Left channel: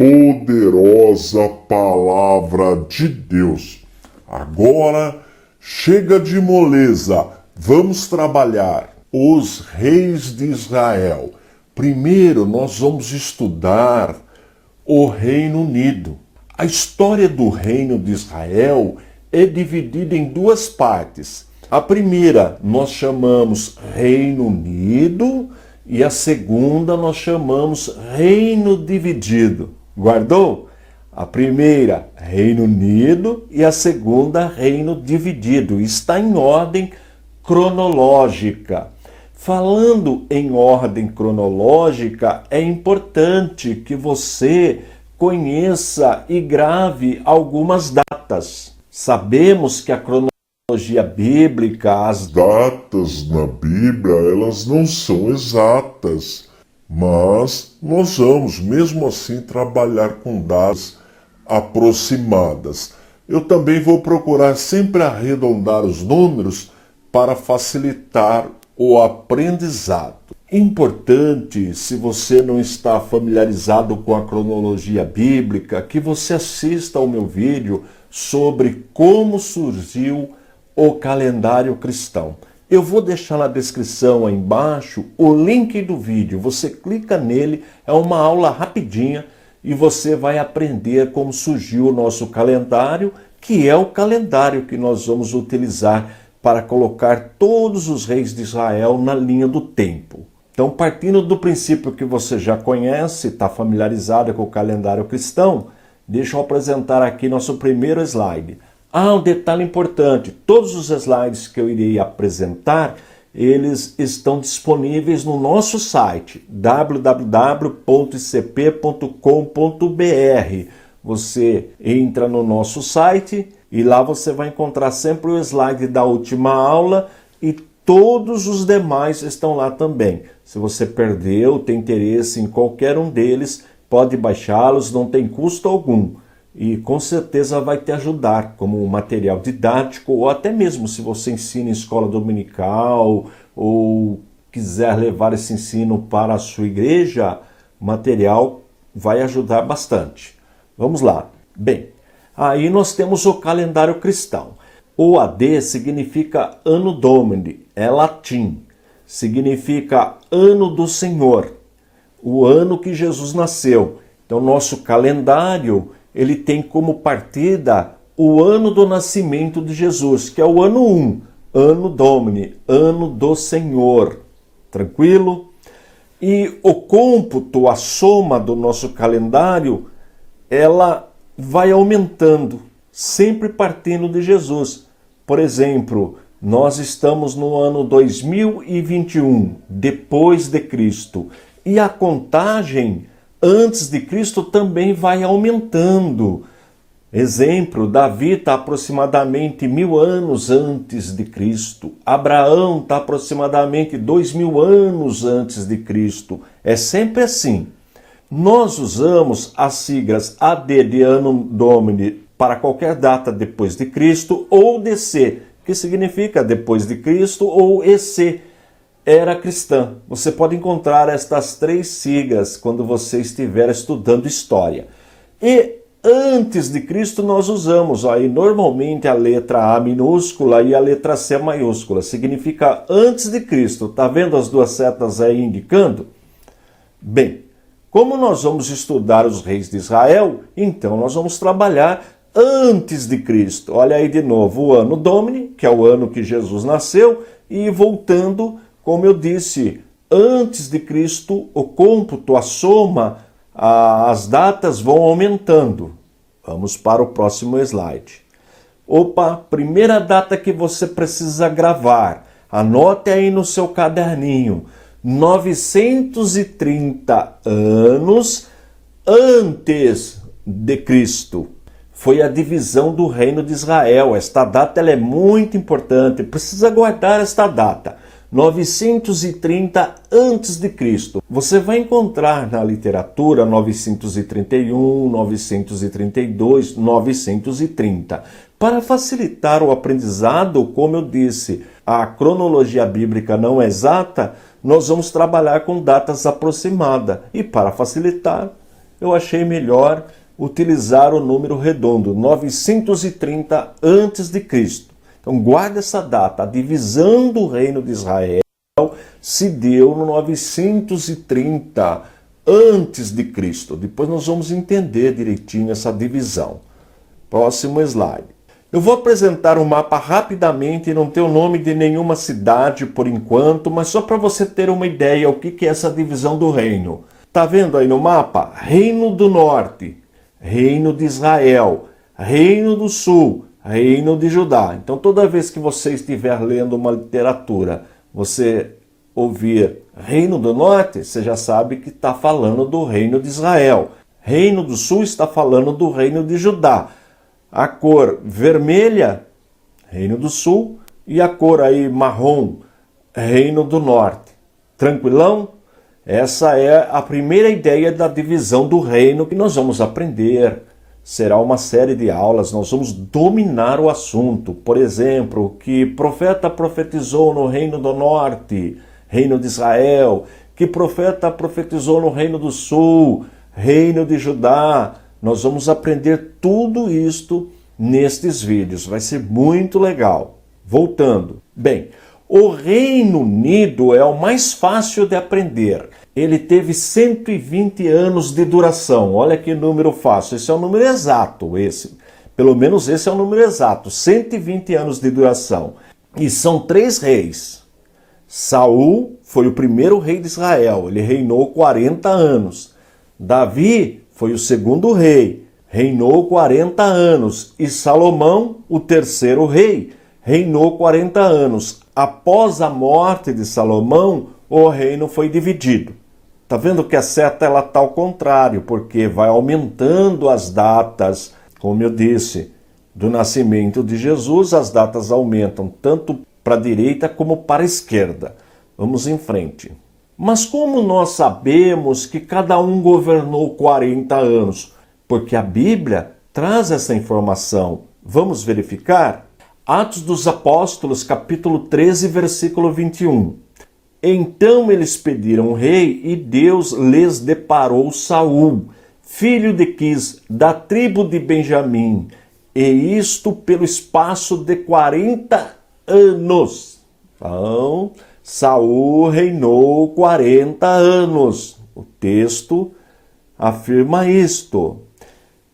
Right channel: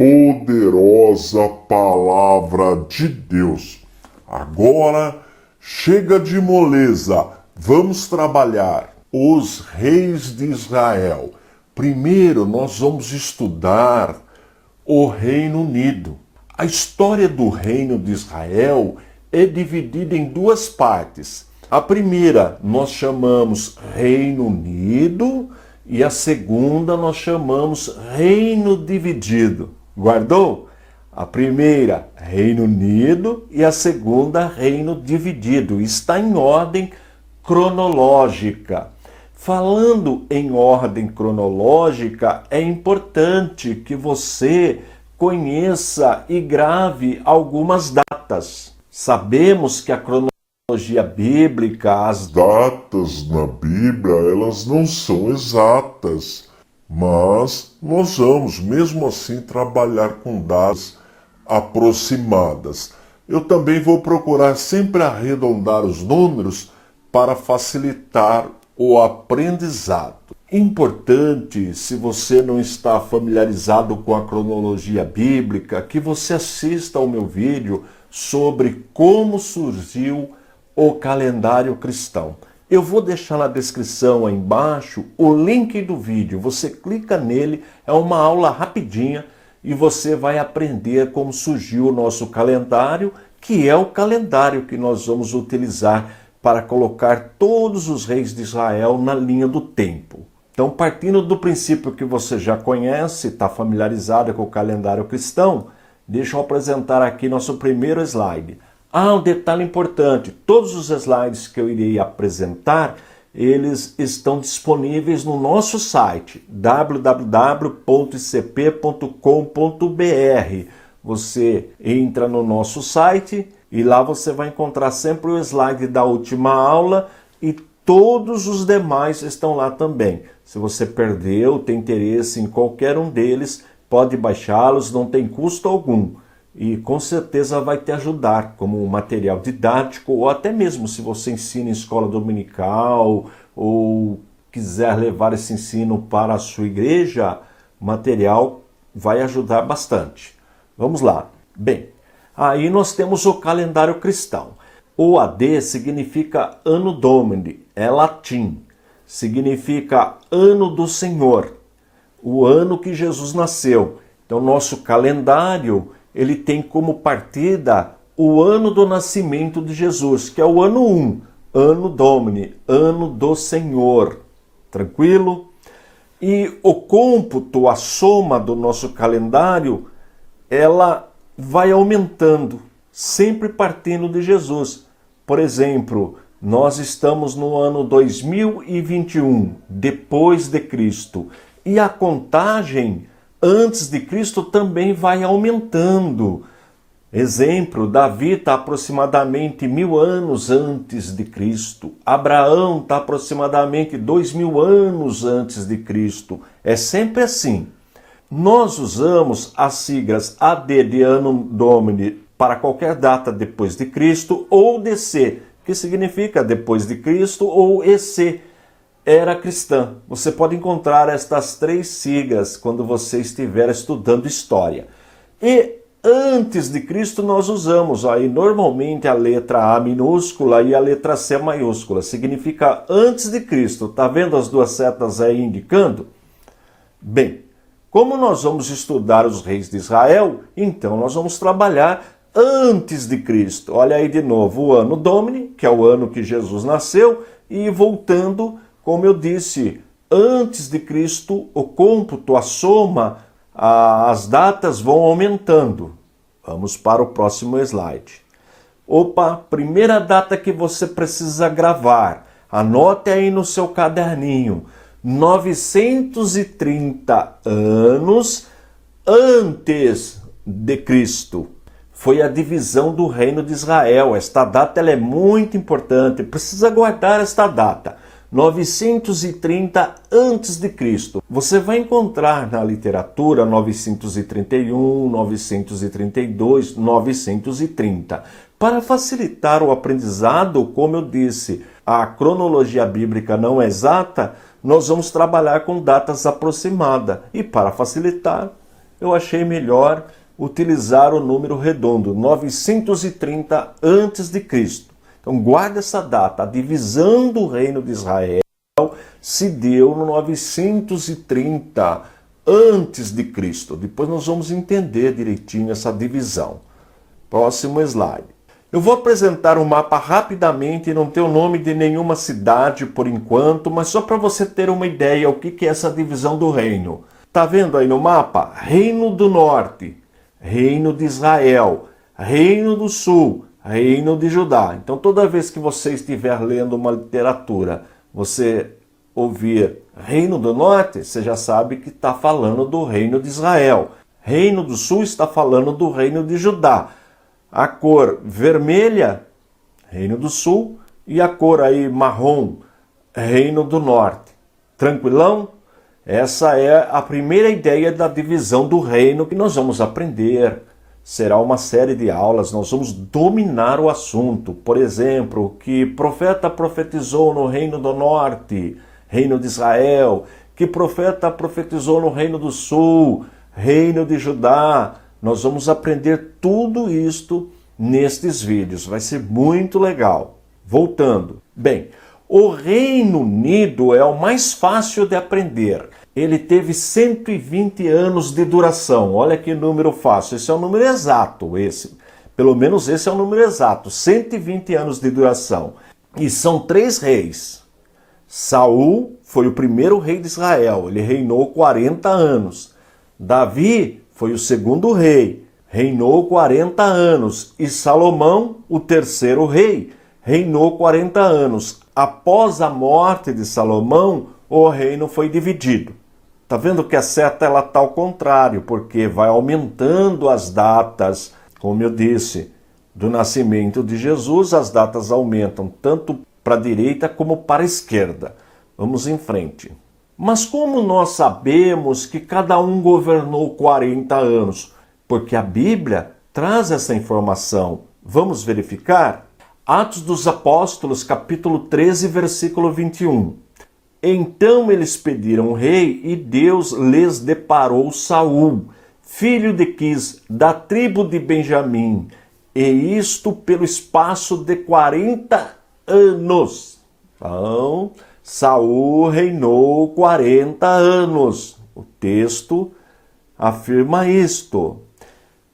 poderosa palavra de Deus. Agora chega de moleza, vamos trabalhar. Os reis de Israel. Primeiro nós vamos estudar o Reino Unido. A história do Reino de Israel é dividida em duas partes. A primeira nós chamamos Reino Unido e a segunda nós chamamos Reino Dividido. Guardou? A primeira, Reino Unido, e a segunda, Reino Dividido. Está em ordem cronológica. Falando em ordem cronológica, é importante que você conheça e grave algumas datas. Sabemos que a cronologia bíblica, as datas na Bíblia, elas não são exatas. Mas nós vamos, mesmo assim, trabalhar com datas aproximadas. Eu também vou procurar sempre arredondar os números para facilitar o aprendizado. Importante, se você não está familiarizado com a cronologia bíblica, que você assista ao meu vídeo sobre como surgiu o calendário cristão. Eu vou deixar na descrição aí embaixo o link do vídeo. Você clica nele, é uma aula rapidinha e você vai aprender como surgiu o nosso calendário, que é o calendário que nós vamos utilizar para colocar todos os reis de Israel na linha do tempo. Então, partindo do princípio que você já conhece, está familiarizado com o calendário cristão, deixa eu apresentar aqui nosso primeiro slide. Um detalhe importante, todos os slides que eu irei apresentar, eles estão disponíveis no nosso site, www.icp.com.br. Você entra no nosso site e lá você vai encontrar sempre o slide da última aula e todos os demais estão lá também. Se você perdeu, tem interesse em qualquer um deles, pode baixá-los, não tem custo algum. E com certeza vai te ajudar como material didático, ou até mesmo se você ensina em escola dominical ou quiser levar esse ensino para a sua igreja, o material vai ajudar bastante. Vamos lá. Bem, aí nós temos o calendário cristão. O AD significa Anno Domini, é latim. Significa Ano do Senhor, o ano que Jesus nasceu. Então nosso calendário ele tem como partida o ano do nascimento de Jesus, que é o ano 1, Anno Domini, ano do Senhor. Tranquilo? E o cômputo, a soma do nosso calendário, ela vai aumentando, sempre partindo de Jesus. Por exemplo, nós estamos no ano 2021, depois de Cristo, e a contagem antes de Cristo também vai aumentando. Exemplo, Davi está aproximadamente 1000 anos antes de Cristo. Abraão está aproximadamente 2000 anos antes de Cristo. É sempre assim. Nós usamos as siglas AD de Anno Domini para qualquer data depois de Cristo, ou DC, que significa depois de Cristo, ou EC, era cristã. Você pode encontrar estas três siglas quando você estiver estudando história. E antes de Cristo nós usamos aí normalmente a letra A minúscula e a letra C maiúscula. Significa antes de Cristo. Tá vendo as duas setas aí indicando? Bem, como nós vamos estudar os reis de Israel, então nós vamos trabalhar antes de Cristo. Olha aí de novo o Anno Domini, que é o ano que Jesus nasceu, e voltando, como eu disse, antes de Cristo, o cômputo, a soma, as datas vão aumentando. Vamos para o próximo slide. Primeira data que você precisa gravar. Anote aí no seu caderninho. 930 anos antes de Cristo. Foi a divisão do reino de Israel. Esta data ela é muito importante. Precisa guardar esta data. 930 a.C. Você vai encontrar na literatura 931, 932, 930. Para facilitar o aprendizado, como eu disse, a cronologia bíblica não é exata, nós vamos trabalhar com datas aproximadas. E para facilitar, eu achei melhor utilizar o número redondo, 930 a.C. Então guarda essa data, a divisão do reino de Israel se deu no 930 a.C. Depois nós vamos entender direitinho essa divisão. Próximo slide. Eu vou apresentar o mapa rapidamente, não tem o nome de nenhuma cidade por enquanto, mas só para você ter uma ideia o que é essa divisão do reino. Tá vendo aí no mapa? Reino do Norte, Reino de Israel, Reino do Sul, Reino de Judá. Então toda vez que você estiver lendo uma literatura, você ouvir Reino do Norte, você já sabe que está falando do Reino de Israel. Reino do Sul está falando do Reino de Judá. A cor vermelha, Reino do Sul, e a cor aí marrom, Reino do Norte. Tranquilão? Essa é a primeira ideia da divisão do reino que nós vamos aprender. Será uma série de aulas, nós vamos dominar o assunto. Por exemplo, o que profeta profetizou no Reino do Norte, Reino de Israel, que profeta profetizou no Reino do Sul, Reino de Judá. Nós vamos aprender tudo isto nestes vídeos, vai ser muito legal. Voltando. Bem, o Reino Unido é o mais fácil de aprender. Ele teve 120 anos de duração. Olha que número fácil. Esse é um número exato, esse. Pelo menos esse é um número exato. 120 anos de duração. E são 3 reis. Saul foi o primeiro rei de Israel. Ele reinou 40 anos. Davi foi o segundo rei. Reinou 40 anos. E Salomão, o terceiro rei, reinou 40 anos. Após a morte de Salomão, o reino foi dividido. Tá vendo que a seta ela tá ao contrário, porque vai aumentando as datas, como eu disse, do nascimento de Jesus, as datas aumentam tanto para a direita como para a esquerda. Vamos em frente. Mas como nós sabemos que cada um governou 40 anos? Porque a Bíblia traz essa informação. Vamos verificar? Atos dos Apóstolos, capítulo 13, versículo 21. Então eles pediram um rei e Deus lhes deparou Saul, filho de Quis, da tribo de Benjamim, e isto pelo espaço de 40 anos. Então, Saul reinou 40 anos. O texto afirma isto.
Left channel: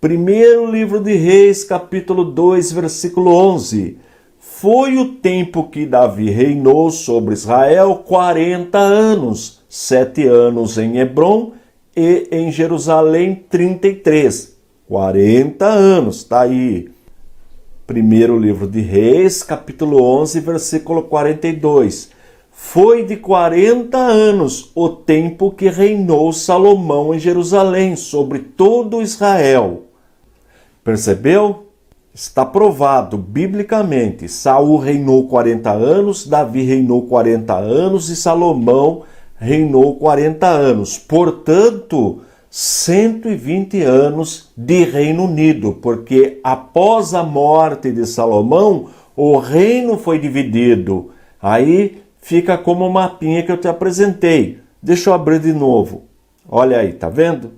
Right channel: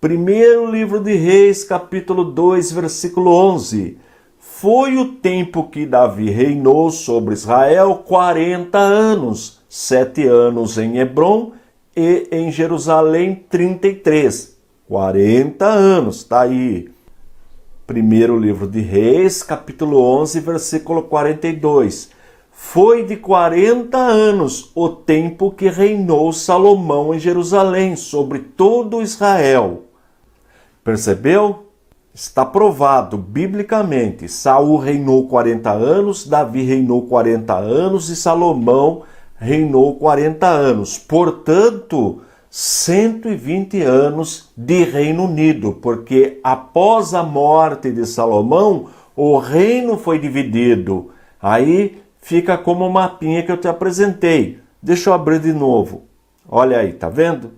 Primeiro livro de Reis, capítulo 2, versículo 11. Foi o tempo que Davi reinou sobre Israel 40 anos, 7 anos em Hebrom e em Jerusalém 33. 40 anos, está aí. Primeiro livro de Reis, capítulo 11, versículo 42. Foi de 40 anos o tempo que reinou Salomão em Jerusalém sobre todo Israel. Percebeu? Está provado biblicamente. Saul reinou 40 anos, Davi reinou 40 anos e Salomão reinou 40 anos. Portanto, 120 anos de Reino Unido, porque após a morte de Salomão, o reino foi dividido. Aí fica como o mapinha que eu te apresentei. Deixa eu abrir de novo. Olha aí, tá vendo?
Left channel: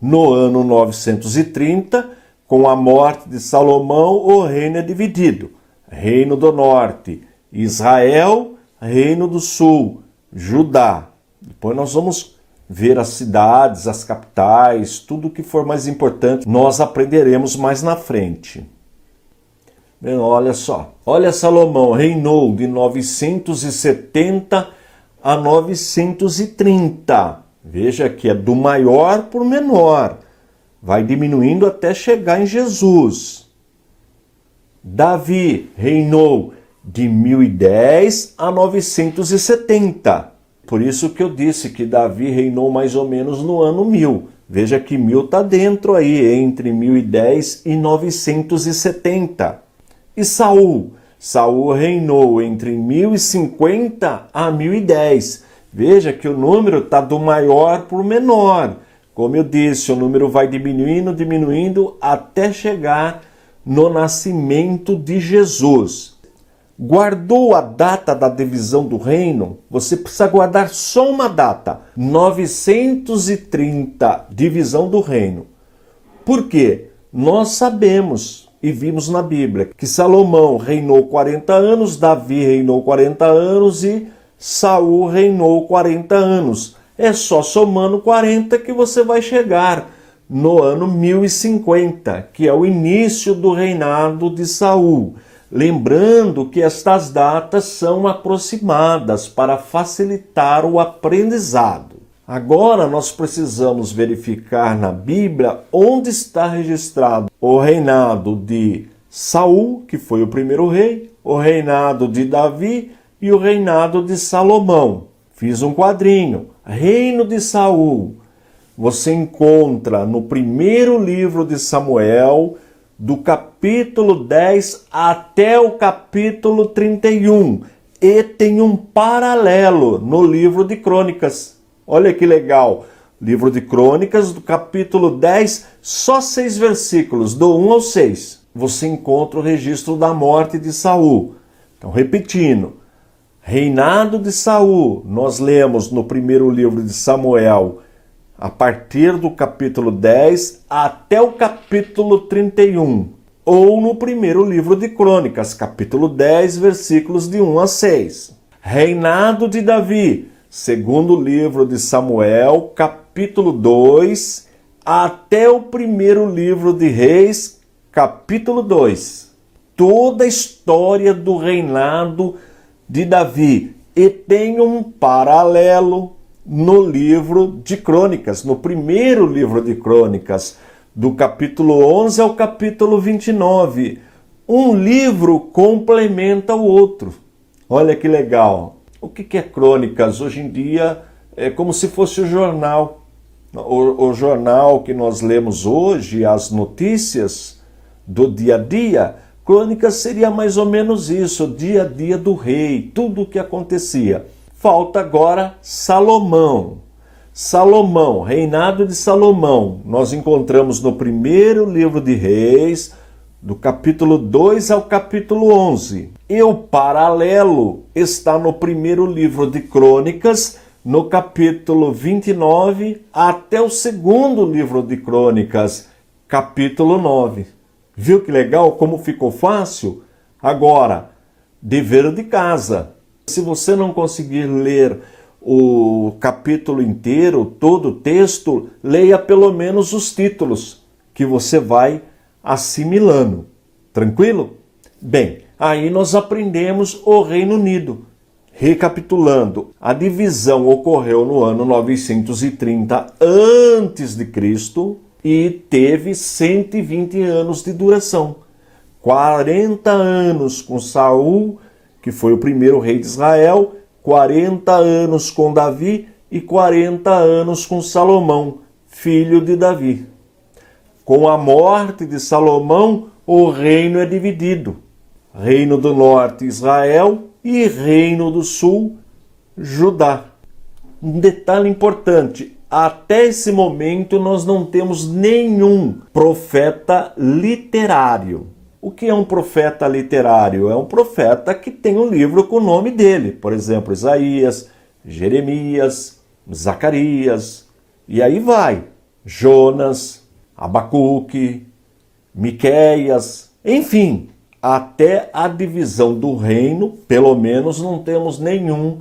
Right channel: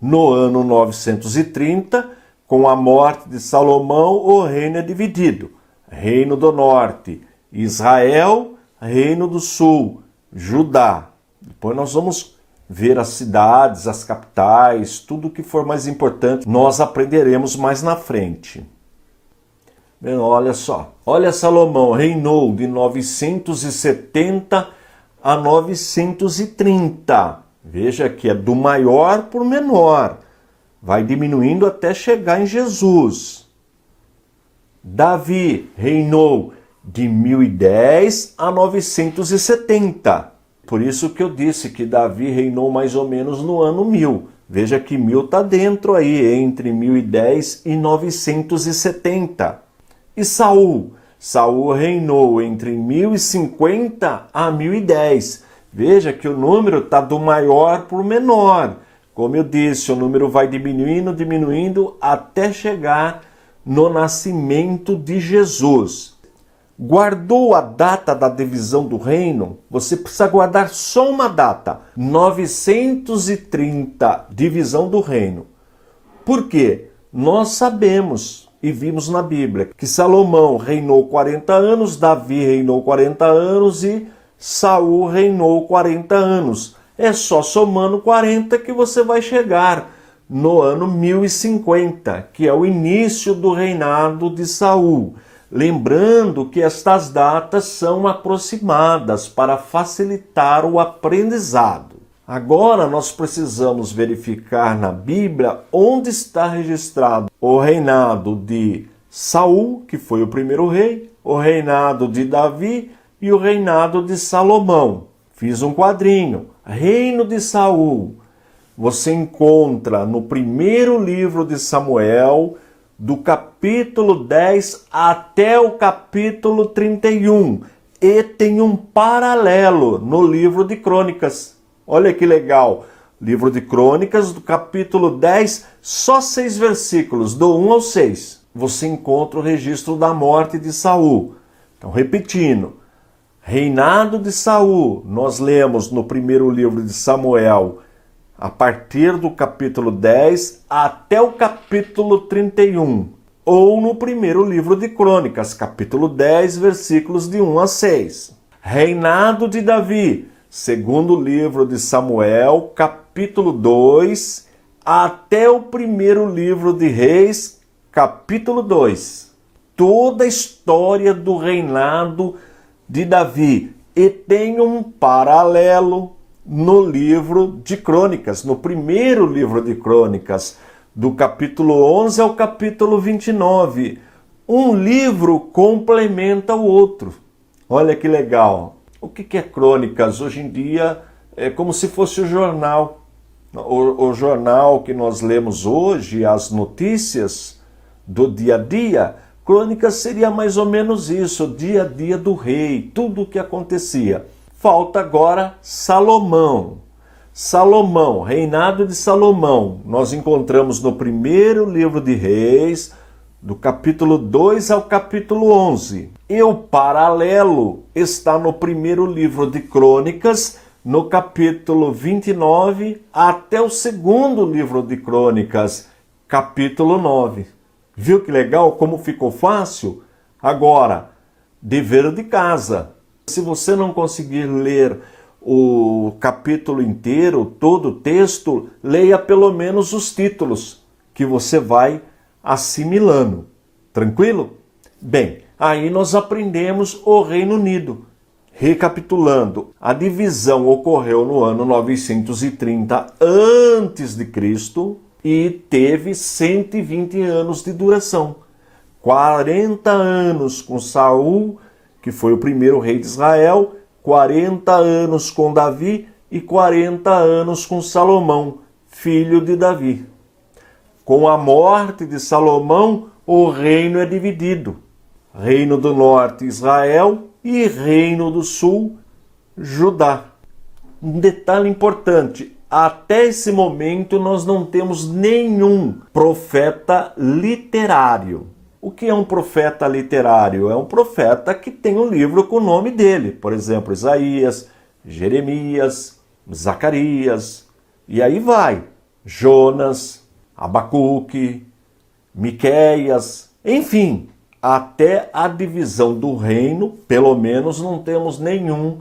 No ano 930, com a morte de Salomão, o reino é dividido. Reino do Norte, Israel, Reino do Sul, Judá. Depois nós vamos ver as cidades, as capitais, tudo que for mais importante, nós aprenderemos mais na frente. Bem, olha só. Olha, Salomão reinou de 970 a 930. Veja que é do maior para o menor. Vai diminuindo até chegar em Jesus. Davi reinou de 1010 a 970. Por isso que eu disse que Davi reinou mais ou menos no ano 1000. Veja que 1000 está dentro aí, entre 1010 e 970. E Saul? Saul reinou entre 1050 a 1010. Veja que o número está do maior para o menor. Como eu disse, o número vai diminuindo até chegar no nascimento de Jesus. Guardou a data da divisão do reino? Você precisa guardar só uma data: 930, divisão do reino. Por quê? Nós sabemos e vimos na Bíblia que Salomão reinou 40 anos, Davi reinou 40 anos e Saul reinou 40 anos. É só somando 40 que você vai chegar no ano 1050, que é o início do reinado de Saul. Lembrando que estas datas são aproximadas para facilitar o aprendizado. Agora nós precisamos verificar na Bíblia onde está registrado o reinado de Saul, que foi o primeiro rei, o reinado de Davi e o reinado de Salomão. Fiz um quadrinho. Reino de Saul. Você encontra no primeiro livro de Samuel, do capítulo 10 até o capítulo 31. E tem um paralelo no livro de Crônicas. Olha que legal. Livro de Crônicas, do capítulo 10, só 6 versículos, do 1 ao 6. Você encontra o registro da morte de Saul. Então, repetindo. Reinado de Saul, nós lemos no primeiro livro de Samuel, a partir do capítulo 10 até o capítulo 31, ou no primeiro livro de Crônicas, capítulo 10, versículos de 1 a 6. Reinado de Davi, segundo livro de Samuel, capítulo 2, até o primeiro livro de Reis, capítulo 2. Toda a história do reinado de Davi, e tem um paralelo no livro de Crônicas, no primeiro livro de Crônicas, do capítulo 11 ao capítulo 29. Um livro complementa o outro. Olha que legal. O que é Crônicas? Hoje em dia é como se fosse o jornal. O jornal que nós lemos hoje, as notícias do dia a dia. Crônicas seria mais ou menos isso, o dia a dia do rei, tudo o que acontecia. Falta agora Salomão. Salomão, reinado de Salomão, nós encontramos no primeiro livro de Reis, do capítulo 2 ao capítulo 11. E o paralelo está no primeiro livro de Crônicas, no capítulo 29, até o segundo livro de Crônicas, capítulo 9. Viu que legal como ficou fácil? Agora, dever de casa. Se você não conseguir ler o capítulo inteiro, todo o texto, leia pelo menos os títulos, que você vai assimilando. Tranquilo? Bem, aí nós aprendemos o Reino Unido. Recapitulando, a divisão ocorreu no ano 930 a.C., e teve 120 anos de duração. 40 anos com Saul, que foi o primeiro rei de Israel, 40 anos com Davi e 40 anos com Salomão, filho de Davi. Com a morte de Salomão, o reino é dividido. Reino do Norte, Israel, e Reino do Sul, Judá. Um detalhe importante: até esse momento nós não temos nenhum profeta literário. O que é um profeta literário? É um profeta que tem um livro com o nome dele. Por exemplo, Isaías, Jeremias, Zacarias, e aí vai. Jonas, Abacuque, Miqueias, enfim. Até a divisão do reino, pelo menos não temos nenhum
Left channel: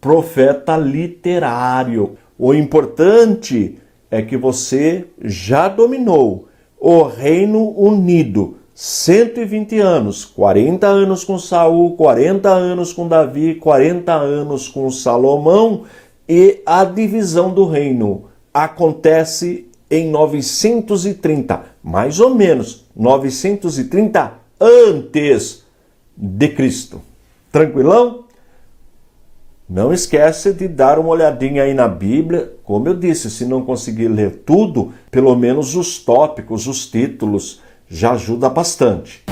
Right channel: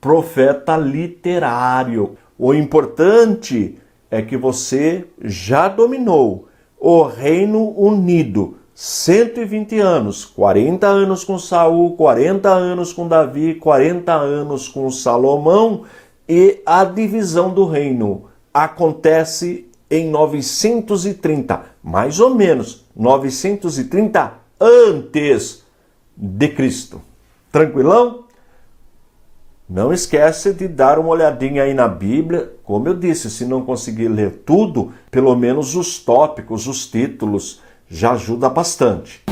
profeta literário. O importante é que você já dominou o Reino Unido. 120 anos, 40 anos com Saul, 40 anos com Davi, 40 anos com Salomão, e a divisão do reino acontece em 930, mais ou menos 930 antes de Cristo. Tranquilão? Não esquece de dar uma olhadinha aí na Bíblia. Como eu disse, se não conseguir ler tudo, pelo menos os tópicos, os títulos, já ajuda bastante.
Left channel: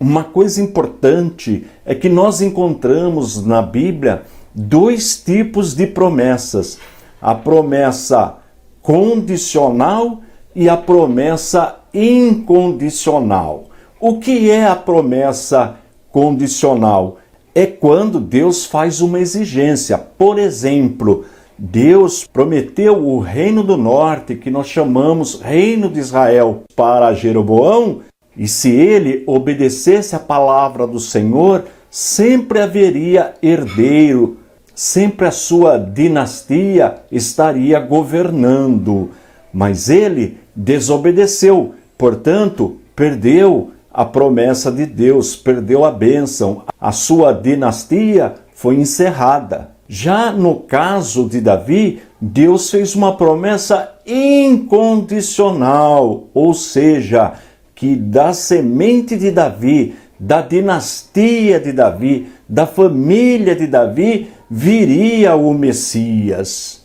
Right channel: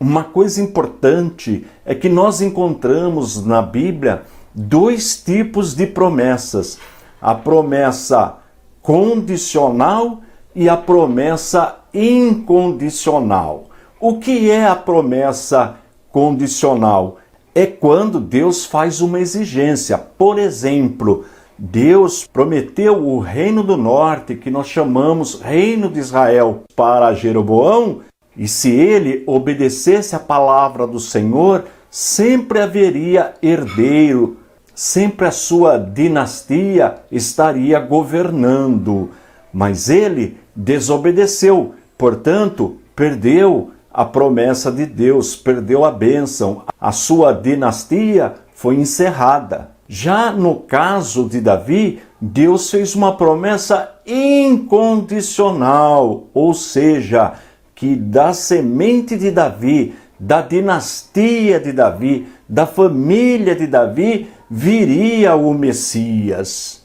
Uma coisa importante é que nós encontramos na Bíblia 2 tipos de promessas: a promessa condicional e a promessa incondicional. O que é a promessa condicional? É quando Deus faz uma exigência. Por exemplo, Deus prometeu o reino do norte, que nós chamamos Reino de Israel, para Jeroboão, e se ele obedecesse a palavra do Senhor, sempre haveria herdeiro, sempre a sua dinastia estaria governando. Mas ele desobedeceu, portanto, perdeu a promessa de Deus, perdeu a bênção. A sua dinastia foi encerrada. Já no caso de Davi, Deus fez uma promessa incondicional, ou seja, que da semente de Davi, da dinastia de Davi, da família de Davi, viria o Messias.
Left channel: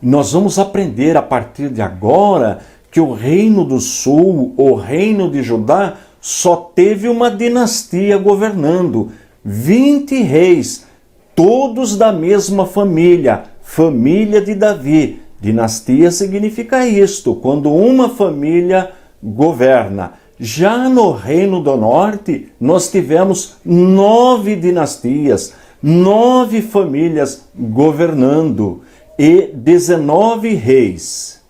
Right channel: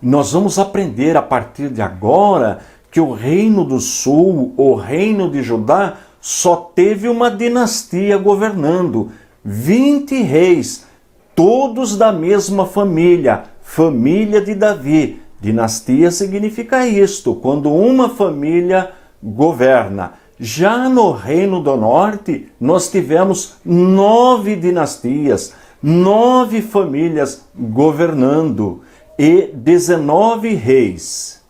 Nós vamos aprender a partir de agora que o reino do sul, o reino de Judá, só teve uma dinastia governando, 20 reis, todos da mesma família, família de Davi. Dinastia significa isto, quando uma família governa. Já no Reino do Norte, nós tivemos 9 dinastias, 9 famílias governando e 19 reis.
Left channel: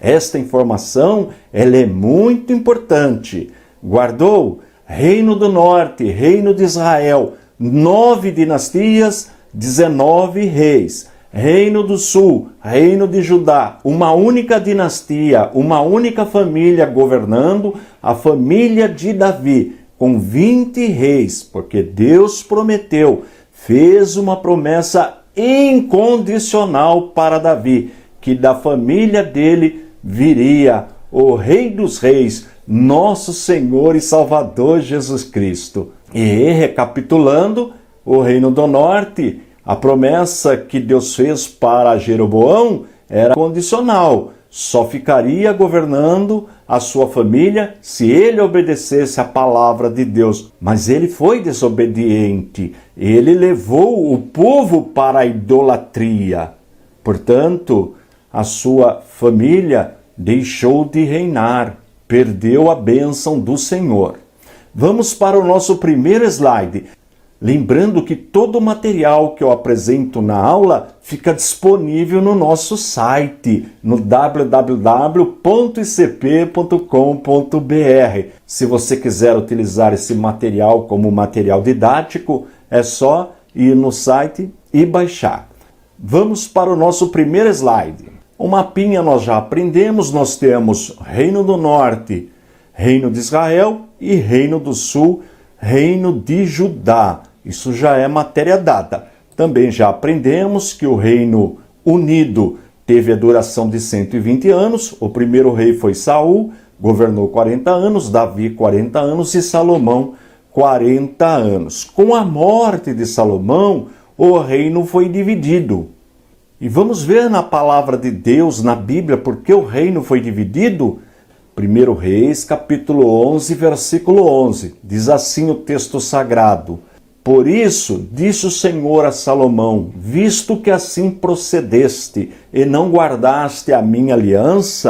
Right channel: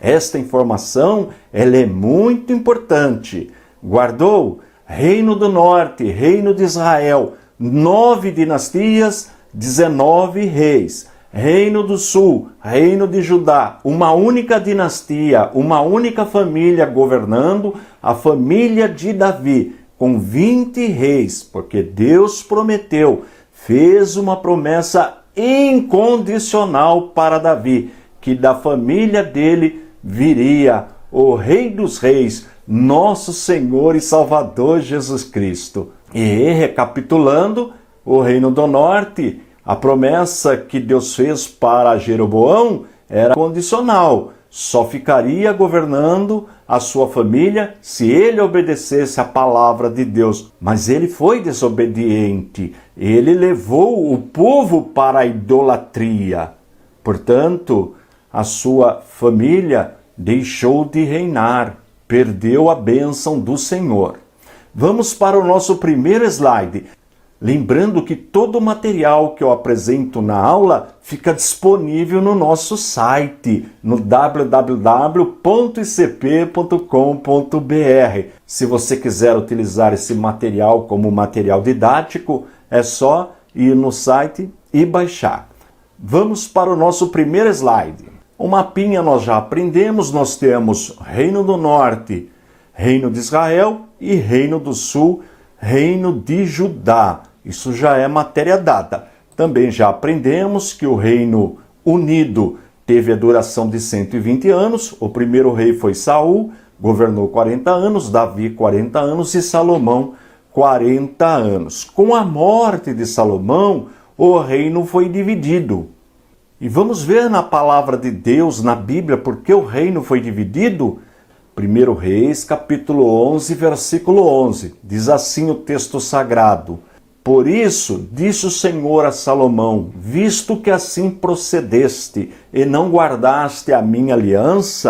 Esta informação ela é muito importante. Guardou? Reino do Norte, Reino de Israel, 9 dinastias, 19 reis. Reino do Sul, Reino de Judá, uma única dinastia, uma única família governando, a família de Davi, com 20 reis, porque Deus prometeu, fez uma promessa incondicional para Davi, que da família dele viria o Rei dos Reis, nosso Senhor e Salvador Jesus Cristo. E recapitulando, o Reino do Norte, a promessa que Deus fez para Jeroboão era condicional. Só ficaria governando a sua família se ele obedecesse a palavra de Deus. Mas ele foi desobediente. Ele levou o povo para a idolatria. Portanto, a sua família deixou de reinar, perdeu a bênção do Senhor. Vamos para o nosso primeiro slide. Lembrando que todo o material que eu apresento na aula fica disponível no nosso site, no www.icp.com.br. Se você quiser utilizar esse material como material didático, é só ir no site e baixar. Vamos para o nosso primeiro slide. O mapinha nós já aprendemos, nós temos Reino do Norte, Reino de Israel e Reino do Sul, Reino de Judá. Isso já é matéria dada. Também já aprendemos que o Reino Unido teve a duração de 120 anos. O primeiro rei foi Saul, governou 40 anos, Davi 40 anos e Salomão 40 anos. Com a morte de Salomão, o reino foi dividido. E vamos ver na palavra de Deus, na Bíblia, por que o reino foi dividido? 1 Reis, capítulo 11, versículo 11. Diz assim o texto sagrado: Por isso, disse o Senhor a Salomão, visto que assim procedeste e não guardaste a minha aliança,